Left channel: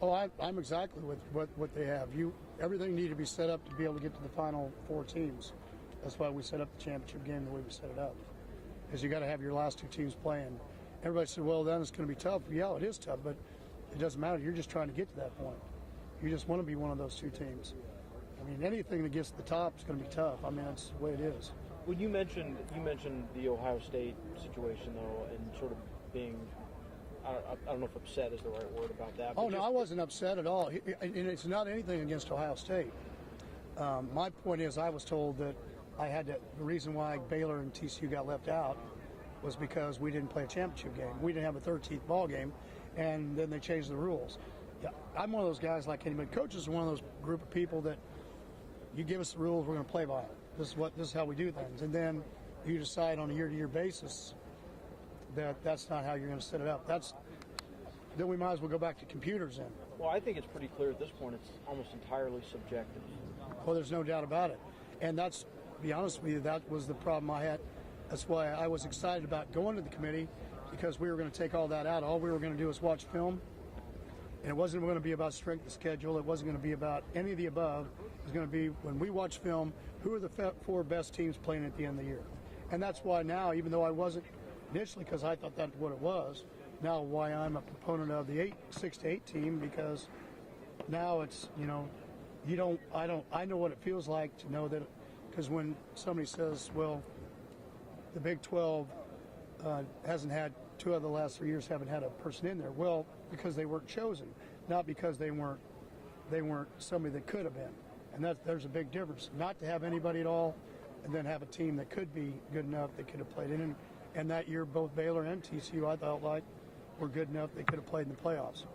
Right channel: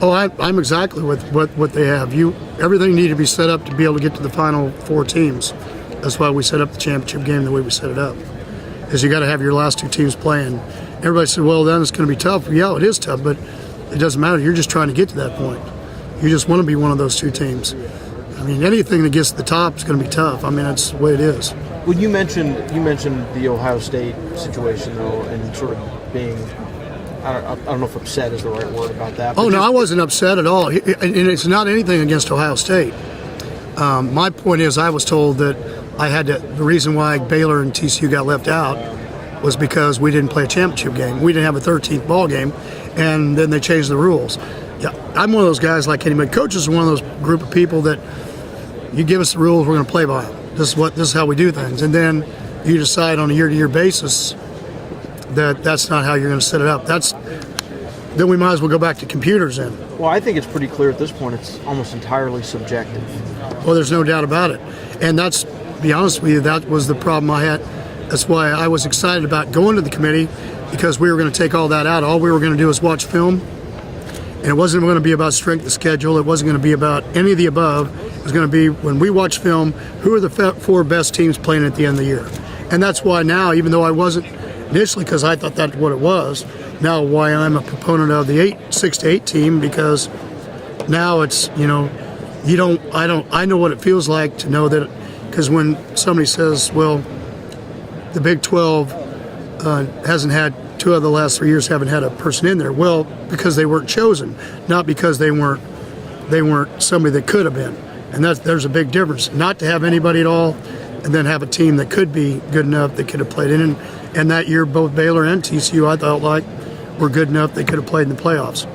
Oh, I'm exactly with what they have. Everything needed to be set up to be able to get to the final 4 teams. That's why we set up the championship game the way we set it up. Is you got to have your last 2 teams playing. Everybody said, well, then it's going to be tough. Yeah, it is tough, but it doesn't matter. You're just trying to get to that point. You just want to be one of those 2 teams. I mean, anything that gets to the top is going to be tough. I mean, that's the way it is. Well, you mentioned the Ohio State situation, though, and sort of being, I don't know if upset is the right word about that. Oh, no, I wasn't upset at all. And it's not anything against Ohio State. My point is I was told that the reason why Baylor and TCU got left out was because we didn't play a championship game. We didn't have a 13th ball game, and then they changed the rules. Yeah, I'm one of those guys like anybody. Coaches are one of those group of people that you give us the rules, we're going to play by them. This is how we do things. And then you decide on a year-to-year basis that that's not how you're going to set it up. Then we might as well go back to computers then. Well, I think it's pretty clear at this point it's almost entirely subjective. Well, there's no doubt about it. And to be honest with you, that was the problem I had. That's why I was excited about going to the committee, because we were going to take all that out. All we were going to do was watch film. And it wasn't going to be about strength of schedule. It wasn't going to be about any of the above. It was going to be, when we watch film, who are the 4 best teams playing at the end of the year. And that's why now, even though I wasn't initially, because I thought that's what it was, now why I'm a proponent of the 6-8 team, because now it's, I know what it feels like to know that, because when somebody says, well, the Big 12 hasn't had 2 of the last 3 years haven't had a person in there. Well, because they weren't chosen, not because they weren't somebody that could have been. And there's a big difference. Not to have anybody at all, and then have a team that could be good enough that could have played in. And that year, both Baylor and TCU, I thought, like, were good enough they could have played in the playoffs.